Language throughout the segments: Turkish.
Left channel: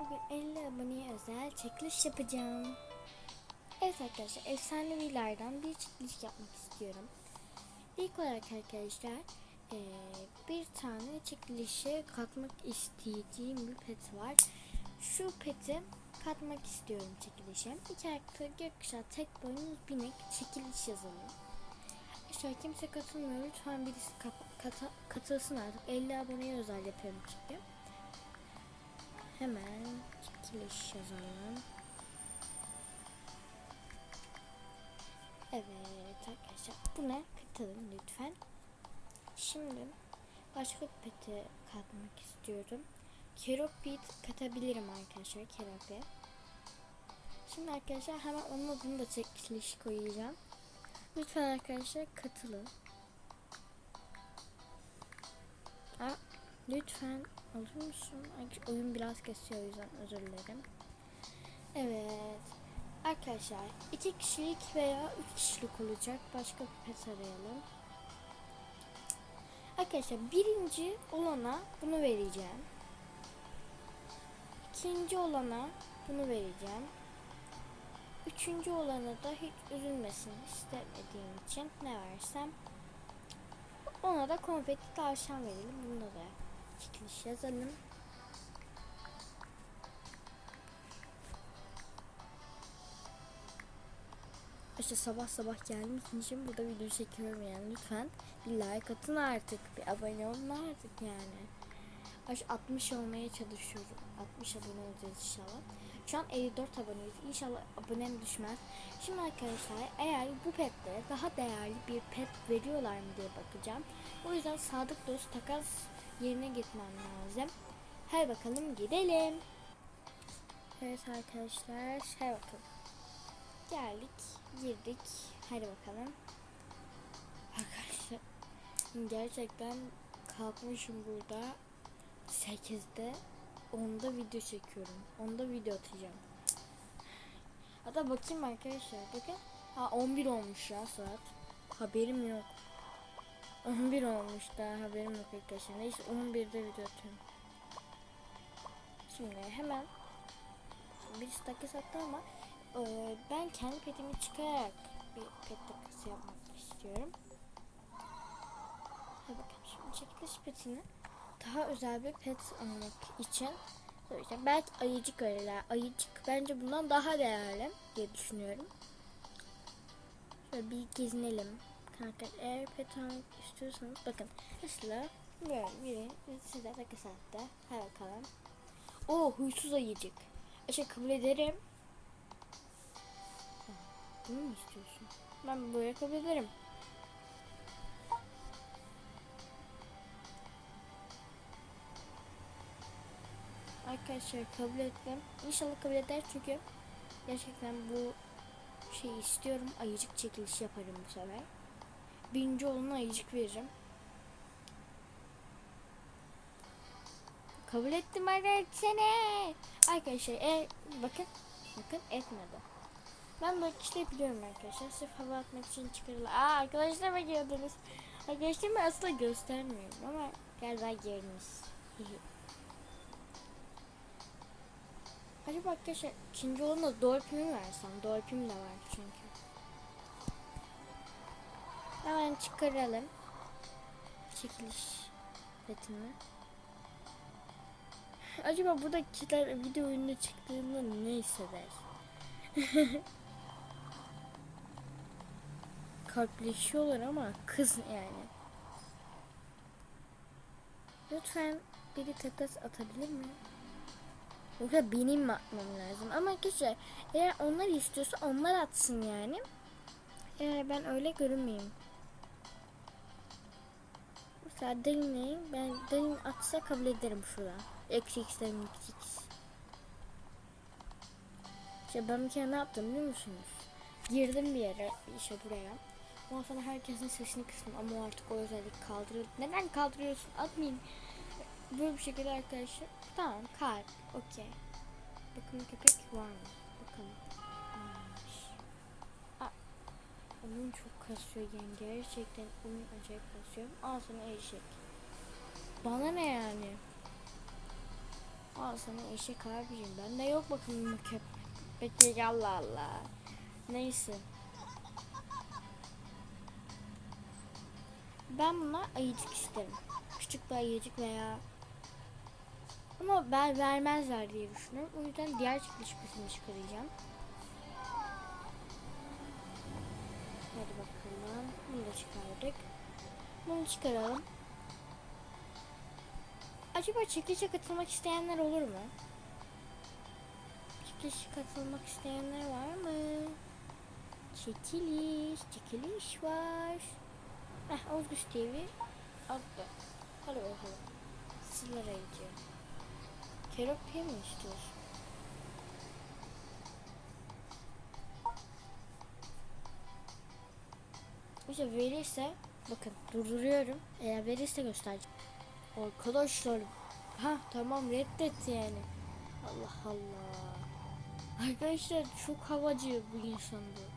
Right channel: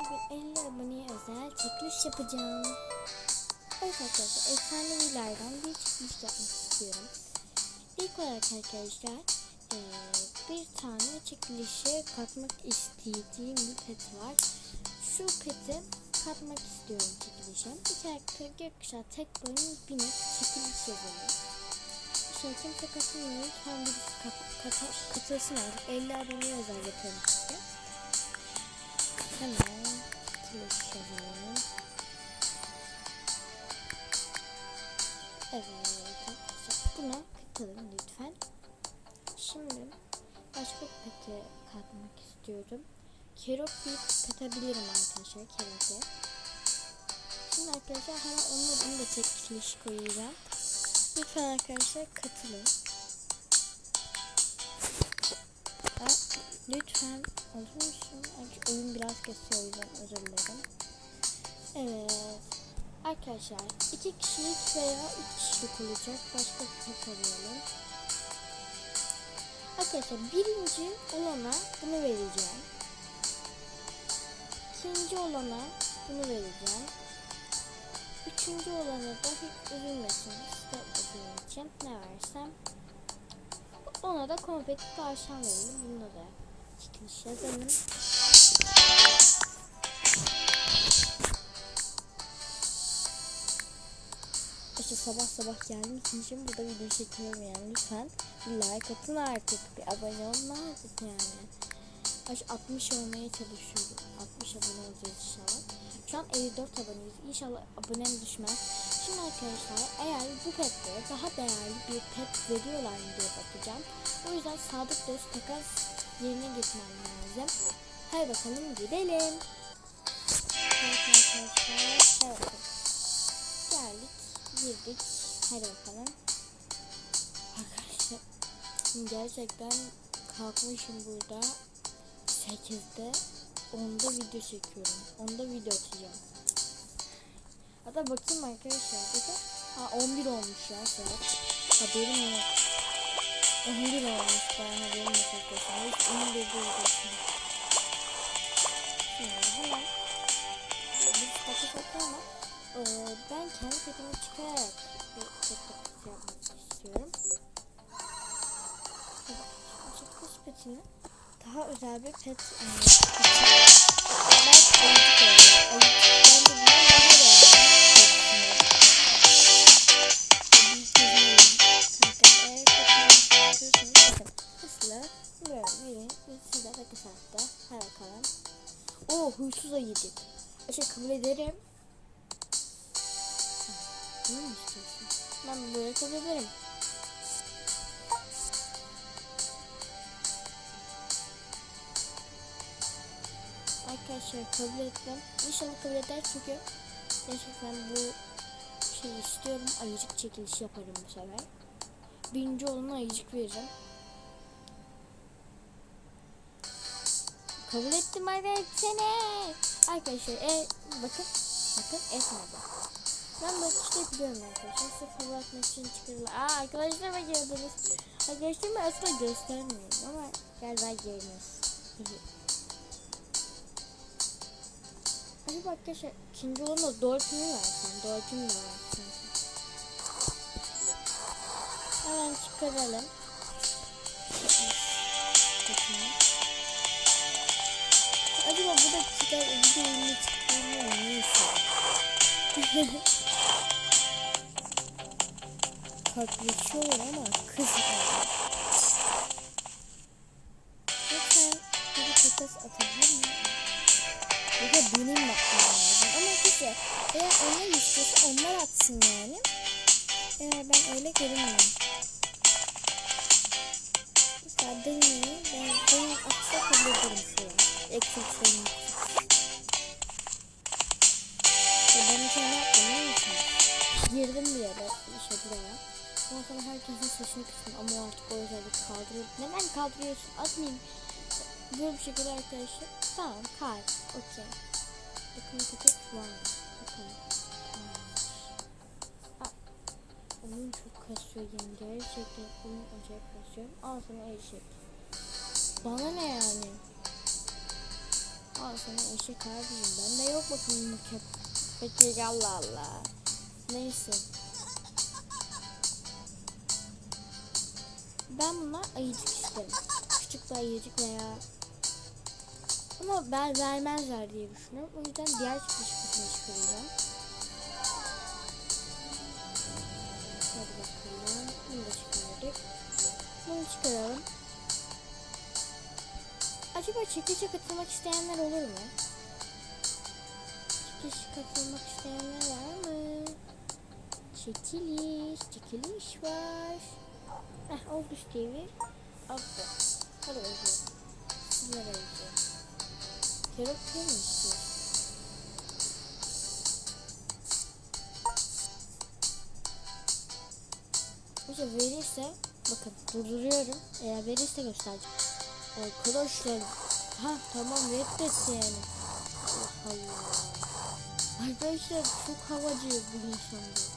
Bugün 50 aboneye özel çekiliş yapacağım. Evet arkadaşlar efsanevilerden bir çekiliş yapmak istiyorum. İlk olarak arkadaşlar eee, bir tane çekilişe katmak istediğim bir pet var. Şu peti katmak istiyorum çekilişe. İki ayakta gökkuşağı tek boyun binek çekiliş yazalım. Şey kimse katılmıyor. Lütfen birisi kap- kata- katılsın artık. 50 aboneye özel yapıyorum. Hemen yazalım. Evet arkadaşlar buna katılın lütfen. Şimdi başka bir peti katmak istiyorum. Keropit katabilirim arkadaşlar keropi. Şimdi arkadaşlar hemen onun adını da çekiliş koyacağım. Lütfen arkadaşlar katılın. Lütfen musun? Ay, oyun biraz kesiyor o yüzden özür dilerim. Evet. Arkadaşlar iki kişilik veya üç kişilik olacak. Başka bir pet arayalım. Arkadaşlar birinci olana bunu vereceğim. İkinci olana bunu vereceğim. Üçüncü olana da hiç üzülmesin istemediğim için ne versem ona da konfeti tavşan verelim. Bunda da çekiliş yazalım. İşte sabah sabah geldiğim için şimdi burada video çekiyorum yani lütfen bir like atın artık bir abone olun artık yani. Aş 60 olmaya çalışıyorum. 60 abone olacağız inşallah. Şu an 54 aboneyiz. İnşallah abonem düşmez. Şimdi arkadaşlar eğer bu petlere daha değerli bir pet veriyorlar mı diye bakacağım. O yüzden sadık dost takas yerine gitmem lazım. Hadi bakalım gidelim. Arkadaşlar. Geldik. Girdik. Hadi bakalım. Arkadaşlar. Gerçekten kalkmışım burada. 8'de 10'da video çekiyorum. 10'da video atacağım. Hatta bakayım arkadaşlar. Bakın. Ha 11 olmuş ya saat. Haberim yok. 11 olmuş ben haberim yok arkadaşlar. Hiç 11'de video atayım. Şimdi hemen bir dakika sattı ama e, ben kendi petimi çıkararak bir pet takası yapmak istiyorum. Şimdi çekiliş petini daha özel bir pet almak için belki ayıcık öyle. Ayıcık bence bundan daha huysuz ayıcık. Şey kabul ederim. Bunu mu istiyorsun? Ben böyle kabul ederim. Arkadaşlar kabul ettim. İnşallah kabul eder çünkü gerçekten bu şeyi istiyorum. Ayıcık çekilişi yaparım bu sefer. Birinci olana ayıcık veririm. Kabul ettim seni. Arkadaşlar e, bakın bakın etmedi. Ben böyle işte biliyorum arkadaşlar. Sırf hava atmak için çıkarılan. Aa arkadaşlar bak gördünüz. Arkadaşlar ben aslında göstermiyorum ama galiba yeriniz. Acaba arkadaşlar ikinci olana dolphin mi versem? Dolphin de var çünkü. Hemen çıkaralım. Çıkmış. Bakayım. Acaba bu da çıkar video ünlü çıktığında ne hisseder? Kalpleşiyorlar ama kız yani. Lütfen biri takas atabilir mi? Ya benim bakmam lazım. Ama güzel. Eğer onlar istiyorsa onlar atsın yani. Eğer ben öyle görünmüyorum. Mesela Deni'yi ben Deni atsa kabul ederim şuraya. Eksiklerini. Ya ben şey ne yaptım biliyor musunuz? Girdim bir yere işte buraya. Ondan sonra herkesin sesini kıstım ama artık o özellik kaldırıyor. Neden kaldırıyorsun? Atmayayım. Böyle bir şekilde arkadaşlar. Tamam kalp. Okey. Bakın köpek var mı? Bakalım. Oyun çok kasıyor yani. Gerçekten oyun acayip kasıyor. Al sana eşek. Bana ne yani? Al sana eşek abicim. Bende yok bakalım bu köp. Peki Allah Allah. Neyse. Ben buna ayıcık isterim. Küçük bir ayıcık veya ama ben vermezler diye düşünüyorum. O yüzden diğer çıkış kısmını çıkaracağım. Bunu çıkaralım. Acaba çekilişe katılmak isteyenler olur mu? Çekilişe katılmak isteyenler var mı? Çekiliş, çekiliş var. Heh, Olguş TV altta. Hadi bakalım. Sizler arayacağım. Keropya mı istiyorsun? İşte verirse bakın durduruyorum. Eğer verirse göstereceğim. Arkadaşlar ha tamam reddet yani. Allah Allah. Arkadaşlar çok havacı bir insan bu.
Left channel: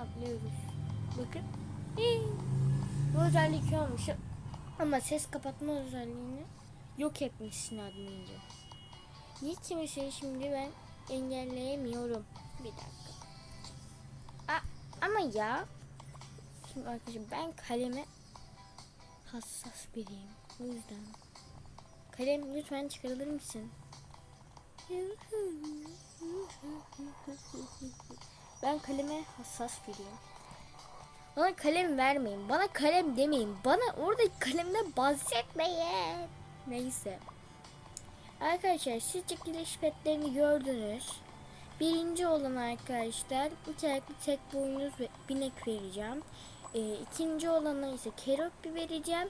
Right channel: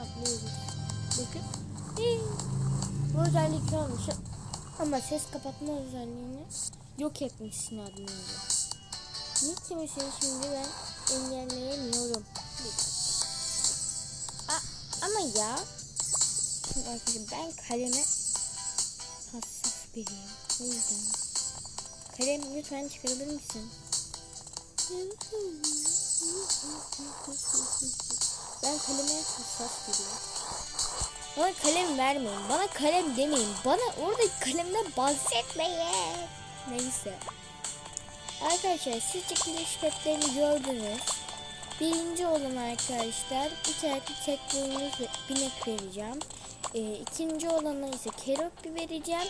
Atlıyoruz. Bakın. Hii. Bu özellik olmuş. Ama ses kapatma özelliğini yok etmişsin admince. Niye kimseyi şimdi ben engelleyemiyorum? Bir dakika. A ama ya. Şimdi arkadaşlar ben kaleme hassas biriyim. O yüzden. Kalem lütfen çıkarabilir misin? Ben kaleme hassas biriyim. Bana kalem vermeyin. Bana kalem demeyin. Bana oradaki kalemden bahsetmeyin. Neyse. Arkadaşlar siz çekiliş petlerini gördünüz. Birinci olan arkadaşlar iki ayaklı tek boynuz binek vereceğim. Ee, ikinci olana ise keropi vereceğim.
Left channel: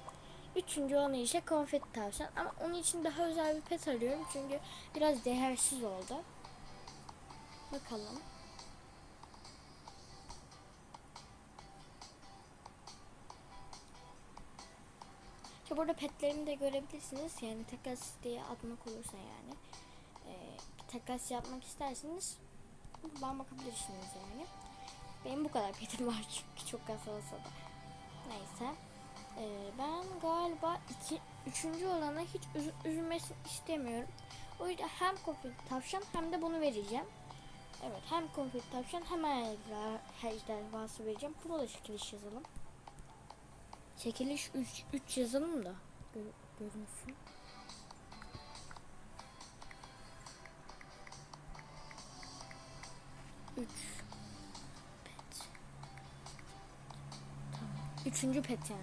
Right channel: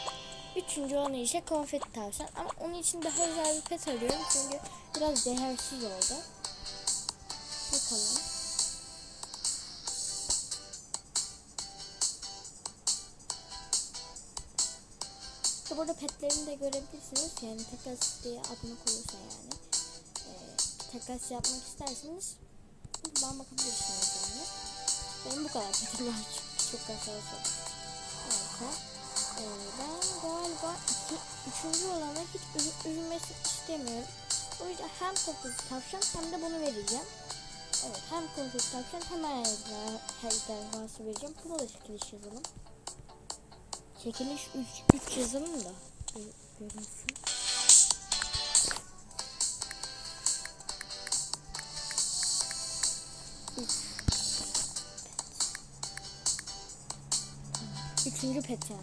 Üçüncü olana ise konfeti tavşan. Ama onun için daha özel bir pet arıyorum. Çünkü biraz değersiz oldu. Bakalım. İşte burada petlerini de görebilirsiniz. Yani takas diye atmak olursa yani. Ee, takas yapmak isterseniz buradan bakabilirsiniz yani. Benim bu kadar petim var çok olsa da. Neyse. Ee, ben galiba iki, üçüncü olana hiç üzü- üzülmesini istemiyorum. O yüzden hem konfeti tavşan hem de bunu vereceğim. Evet hem konfeti tavşan hem her ejderhası vereceğim. Bunu da çekiliş yazalım. Çekiliş 3 3 yazalım da gör- görünsün. Üçüncü pet yani.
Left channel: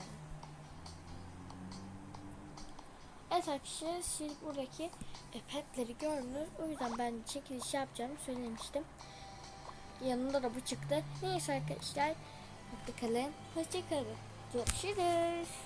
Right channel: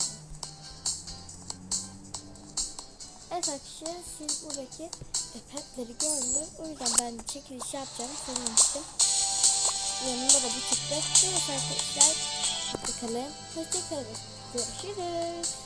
Evet arkadaşlar siz buradaki e, petleri gördünüz. O yüzden ben çekiliş yapacağım söylemiştim. Yanında da bu çıktı. Evet arkadaşlar. Hoşçakalın. Hoşçakalın. Görüşürüz.